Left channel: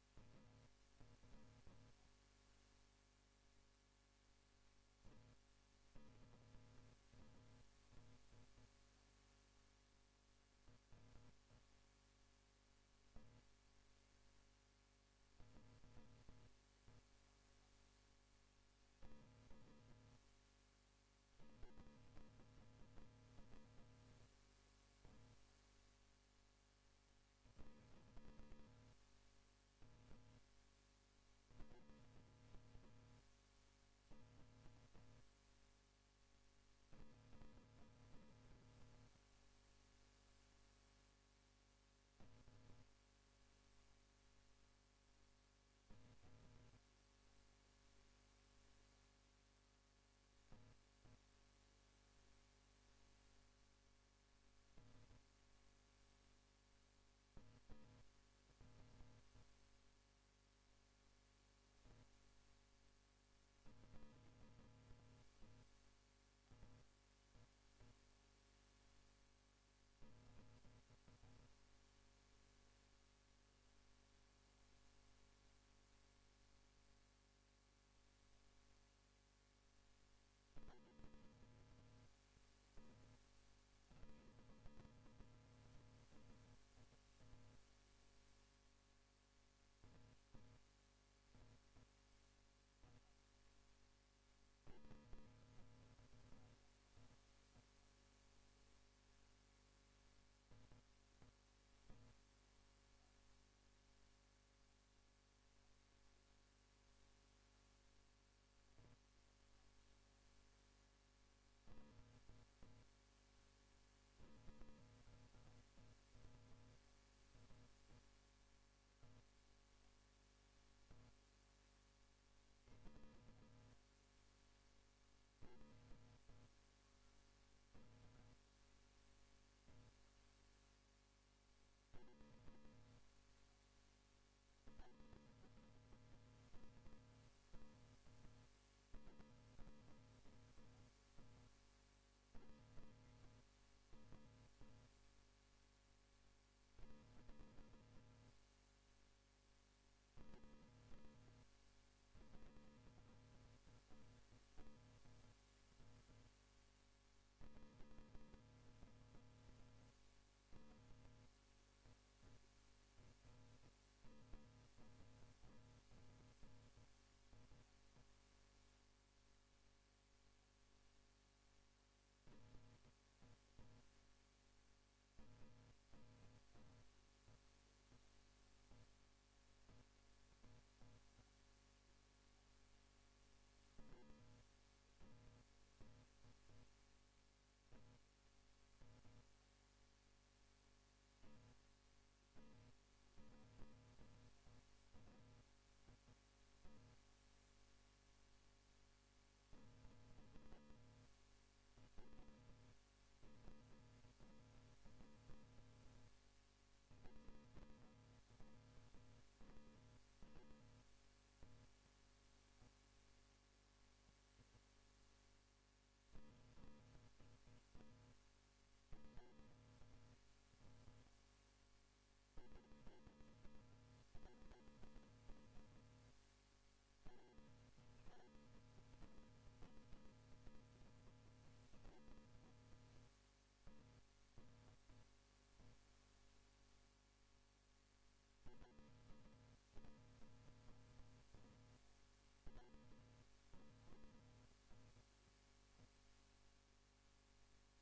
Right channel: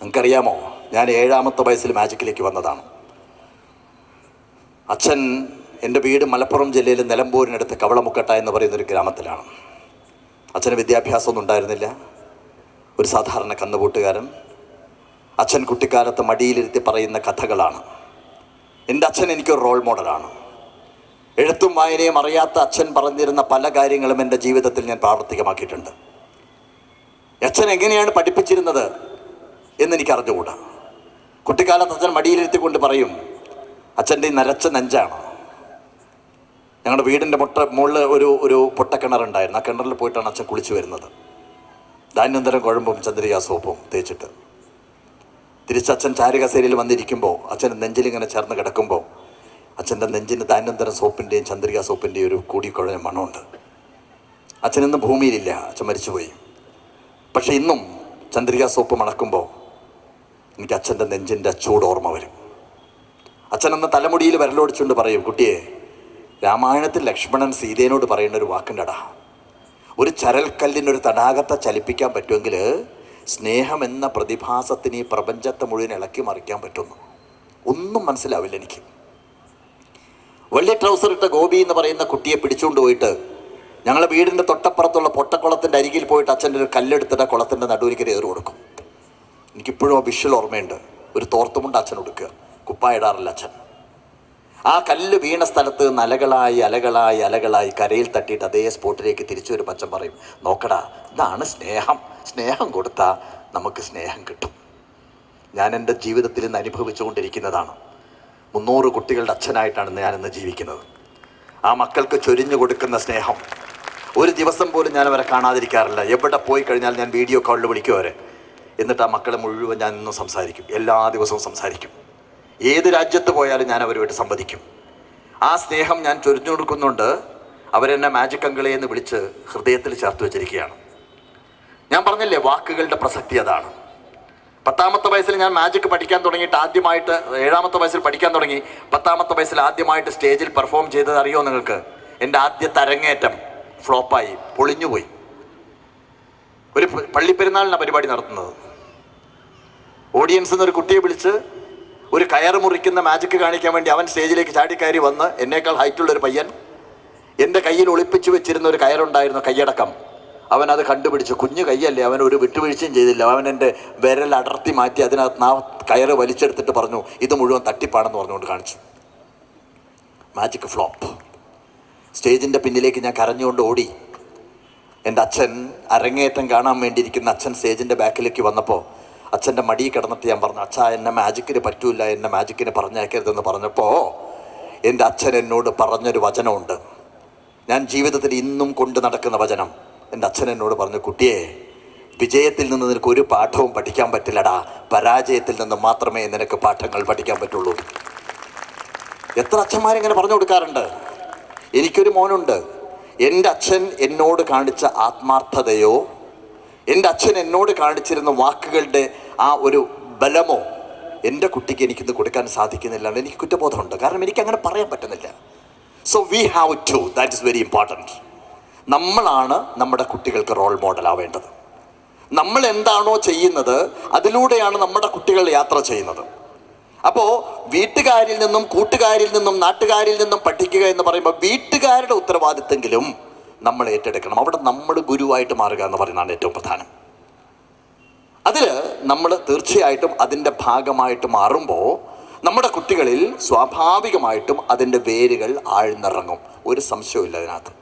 നിങ്ങൾക്കറിയാമോ? ഞാൻ ഏഴാമത്തെ വയസ്സിൽ മാജിക്കിലേക്ക് വന്നതാണ്. അച്ഛൻ എന്റെ വീട് മലപ്പുറം ജില്ലയിലെ നിലമ്പൂരിനടുത്ത് കവളമുക്കട്ട എന്ന് പറയുന്നൊരു ഗ്രാമത്തിലാണ്. അച്ഛന് വിദ്യാഭ്യാസമൊന്നും ഉണ്ടായിരുന്നില്ല. ഒരു സാധാരണ കന്നുകൂട്ടുകാരൻ. അച്ഛൻ കുട്ടിക്കാലത്ത് മടിയിലിരുത്തി പറയുന്ന കഥകളാണ്. എന്റെ അച്ഛൻ എനിക്കൊരു റോൾ മോഡലാണ് എഴുത്തും വായനയും അറിയാത്ത അച്ഛൻ പറഞ്ഞിരുന്ന പല കാര്യങ്ങളും എന്റെ ജീവിതത്തിൽ ഞാൻ പ്രാവർത്തികമാക്കിയിട്ടുണ്ട്. അച്ഛൻ എങ്ങനെയാണ് പഠിപ്പിച്ചിരുന്നത്? എന്നെനിക്ക് അറിഞ്ഞുകൂടാ കുട്ടിക്കാലത്ത് അച്ഛൻ മടിയിലിരുത്തിക്കൊണ്ട് പറയും അച്ഛന്റെ നരച്ച നെഞ്ചാണ്. ഞങ്ങളുടെ വീടിന്റെ മുട്ട മുകളിൽ ഒരു ഒരു പൊട്ടക്കിണറുണ്ടായിരുന്നു. ആ കിണറിൽ പോയിട്ടാണ് അച്ഛൻ കുളിച്ചു വരുന്നത്. ധാന്യന്തരം കുഴമ്പും ചന്ദ്രിക സോപ്പും തേച്ചിട്ട്. തിരിച്ചച്ഛൻ ചാരുകസേരയിൽ വന്നിരിക്കുമ്പോൾ അച്ഛൻ നെഞ്ചിലിങ്ങനെ ചേർന്ന് കിടക്കുമ്പോൾ അച്ഛന്റെ നെഞ്ചിന് ധാന്യന്തരം സോപ്പിന്റെയും ചന്ദ്രിക സോപ്പിന്റെയും ഒരു കൂടിക്കുഴഞ്ഞ മണമുണ്ട്. അച്ഛനിന്ന് ഭൂമിയിലില്ല. അച്ഛൻ മരിച്ചുപോയി. പക്ഷേ ഇന്നും ചന്ദ്രിക സോപ്പ് മണക്കുമ്പോൾ എനിക്ക് അച്ഛന്റെ നെഞ്ചിന്റെ ചൂട് ഓർമ്മ വരും. അച്ഛൻ അന്ന് തലമുടിയിൽ വിരലോടിച്ചുകൊണ്ട് പറയും കുട്ടിയെ രാമായണത്തിൽ ലക്ഷ്മണൻ സീതേനോട് പറയുന്ന ഒരു വാക്കുണ്ടടാ. ഒരു ചരൽക്കല്ലിനൊരു തടാകത്തെ ചലിപ്പിക്കാൻ പറ്റുമെങ്കിൽ സ്നേഹം എന്ന പ്രതിഭാസത്തിന് ഈ പ്രപഞ്ചത്തെ മുഴുവൻ ഇളക്കി മറിക്കാൻ പറ്റുന്നു. ഒന്നും മനസ്സിലാവില്ല എനിക്ക്. വെള്ളി ട്രൗസർ ഇട്ട ഗോപി എന്ന് പറയുന്ന കുട്ടിയെ പിടിച്ചുകൊണ്ട് പോയിട്ട് ഞങ്ങളുടെ വീടിന്റെ തൊട്ടപ്പുറത്തുള്ള പൊട്ടക്കുളത്തിന്റെ അരികിൽ പോയിട്ട് അച്ഛന്റെ ഒരു കല്ലെടുത്തിട്ട് കുളത്തിന്റെ നടുവിലേക്ക് ഏറ് കൊടുക്കും. എനിക്കിപ്പോഴും ആ വിഷ്വൽ ഓർമ്മയുണ്ട്. ഒരു തോർത്തുമുണ്ട് അച്ഛൻ കൊടുക്കുക കുപ്പായിടാറില്ല അച്ഛൻ. ആ കല്ല് വീണ സ്ഥലത്ത് നലകളായി അലകളായി അലകളായി കരയിൽ തട്ടിയിട്ട് അതേ സ്പോട്ടിലേക്ക് തിരിച്ചു വരുമ്പോൾ അച്ഛൻ പറയും നോക്കടാ ഇതാണ് സ്നേഹം. സ്നേഹം കൊടുത്താൽ നമുക്ക് സ്നേഹം കിട്ടും. ഞാൻ എന്റെ ജീവിതത്തിൽ ഇന്ന് അനുഭവിച്ചുകൊണ്ടിരിക്കുന്നതാണ്. മുന്നൂറ് കുട്ടികളുടെ അച്ഛനായിട്ടാണ് ഞാനിന്ന് ജീവിക്കുന്നത്. ആ മക്കൾക്ക് ചൊരിഞ്ഞു കൊടുക്കുന്ന സ്നേഹം. ഒരു ദിവസം പോലും ഞാൻ അവരെ കാണാതിരിക്കാറില്ല. എവിടെ പോയി കഴിഞ്ഞാൽ ഞാൻ വീഡിയോ കോളിൽ വിളിക്കും അവരെ. എന്നിട്ട് ആ മക്കളെ മുഴുവൻ ഞാൻ ഇന്നും സംസാരിക്കും. എല്ലാ ദിവസവും സംസാരിക്കും. ഏത് രാജ്യത്ത് പോയാലും ഞാൻ അവരുമായിട്ട് സംവദിക്കും. ആ സ്നേഹം ഞാൻ ചൊരിഞ്ഞു കൊടുക്കുന്നുണ്ട് അവരെന്നെ മാജിക് അങ്കിളെ എന്ന് വിളിച്ച് ഹൃദയത്തിൽ ചേർത്ത് വെച്ചിരിക്കുകയാണ്. ഞാൻ പറഞ്ഞില്ലേ വാക്കുകളുടെ പ്രസക്തി അതാണ്. പത്താമത്തെ വയസ്സിൽ ഞാൻ മാജിക് പഠിക്കാൻ തുടങ്ങിയിട്ട് ആദ്യമായിട്ട് ഏഴാമത്തെ വയസ്സിൽ പഠിക്കാൻ തുടങ്ങി. പത്താമത്തെ വയസ്സിൽ ആദ്യമായിട്ട് സ്റ്റേജിൽ പെർഫോം ചെയ്തത് അറിയോ നിങ്ങൾക്ക്? എന്റെ ആദ്യ തരങ്ങേറ്റം ഫ്ലോപ്പായി പൊളിഞ്ഞുപോയി. ഒരു പള്ളിപ്പെരുന്നാളിനാണ് പരിപാടി നടത്തുന്നത്. ഓഡിയൻസ് എന്നൊരു കുട്ടിയെ വിളിച്ച് ഒരു കയർ മുറിക്കുന്ന മാജിക്ക് കാണിക്കാൻ വേണ്ടി അവൻ സ്റ്റേജിലേക്ക് ചാടിക്കയറി വന്ന് എന്നേക്കാൾ ഹൈറ്റുള്ള ഒരു പയ്യൻ എന്റെ കയ്യിൽ ഒളിപ്പിച്ചു വെച്ചിരുന്ന ഒരു കയറുണ്ടായിരുന്നു കൈയടക്കം അവൻ അത് കണ്ടുപിടിച്ചു. കുഞ്ഞു കൈയല്ലേ അവൻ ഒരു വിട്ടുവീഴ്ചയും ചെയ്തില്ല. അവൻ എന്റെ വിരൽ അടർത്തി മാറ്റി അതിനകത്ത് ആ കയർ വലിച്ചെടുത്തിട്ട് പറഞ്ഞു ഇത് മുഴുവൻ തട്ടിപ്പാണെന്ന് പറഞ്ഞുകൊണ്ട് കാണിച്ചു. മാജിക് ഫ്ലോപ്പ് സ്റ്റേജിന്റെ പിന്നിലേക്ക് ഞാൻ കരഞ്ഞുകൊണ്ട് ഓടി. എന്റെ അച്ഛൻ അരങ്ങേറ്റം കാണാൻ വേണ്ടിയിരിക്കുന്ന അച്ഛൻ സ്റ്റേജിന്റെ ബാക്കിലേക്ക് വന്നപ്പോൾ അച്ഛന്റെ മടി കിടന്നിട്ട് ഞാൻ പറഞ്ഞു അച്ഛാ എന്നെ മാജിക്കിന് പറ്റൂല എന്നെ മാജിക്കിന് പറഞ്ഞേക്കരുതെന്ന് പറഞ്ഞപ്പോൾ എന്റെ അച്ഛൻ എന്നോട് പറഞ്ഞൊരു വചനമുണ്ട്. ഞാൻ ജീവിതത്തിൽ ഇന്നും കൊണ്ട് നടക്കുന്ന വചനം. എന്റെ അച്ഛൻ എന്നോട് പറഞ്ഞു കുട്ടിയെ വിജയത്തിൽ നിന്ന് നിനക്ക് ഒരു പാഠവും പഠിക്കാൻ പറ്റില്ലടാ. പരാജയത്തിൽ നിന്ന് മാത്രമേ നിനക്ക് പാഠങ്ങൾ പഠിക്കാൻ പറ്റുള്ളൂ. എത്ര അച്ഛന്മാരിങ്ങനെ പറഞ്ഞു കൊടുക്കാറുണ്ട്. എനിക്കൊരു മോനുണ്ട്. എന്റെ അച്ഛൻ എന്നോട് കാണിച്ച ആത്മാർത്ഥതയോ എന്റെ അച്ഛൻ എന്നോട് കാണിച്ചിരുന്ന വാക്കുകളുടെ ആ ഒരു ബലമോ എന്റെ കുട്ടിക്ക് എനിക്കിന്ന് കൊടുക്കാൻ സാധിക്കുന്നില്ല എനിക്ക് കുറ്റബോധമുണ്ട്. കാരണം എനിക്ക് അങ്ങനെ പറയാൻ പറ്റുന്നില്ല. So we have to that is very important നമ്മളാണ് നമ്മുടെ കുട്ടികൾക്ക് റോൾ മോഡൽ ആവേണ്ടത്. നമ്മൾ എന്താണോ ചെയ്യുന്നത് അതിലൂടെയാണ് നമ്മുടെ കുട്ടികൾ യാത്ര ചെയ്യുന്നത്. അപ്പോൾ വീട്ടുകാരിൽ നിന്നും കൂട്ടുകാരിൽ നിന്നും നാട്ടുകാരിൽ നിന്നും പഠിക്കുക എന്ന് പറയുമ്പോൾ വീട്ടുകാരുടെ ഉത്തരവാദിത്വമെങ്കിലും നമ്മൾ ഏറ്റെടുക്കണം. അവിടെ നമ്മൾ ഗുരുവായിട്ട് മാറുക എന്ന് പറയുന്നതാണ് ഏറ്റവും പ്രധാനം. അതിൽ നമ്മൾ തീർച്ചയായിട്ടും അതിന്റെ ഭാഗമായിട്ട് മാറുമ്പോൾ നമ്മുടെ കുട്ടികളിൽ സ്വാഭാവികമായിട്ടും അതിന്റെ വേരുകൾ ആഴ്ന്നിറങ്ങും. ഒരു സംശയവും അതിനകത്ത്.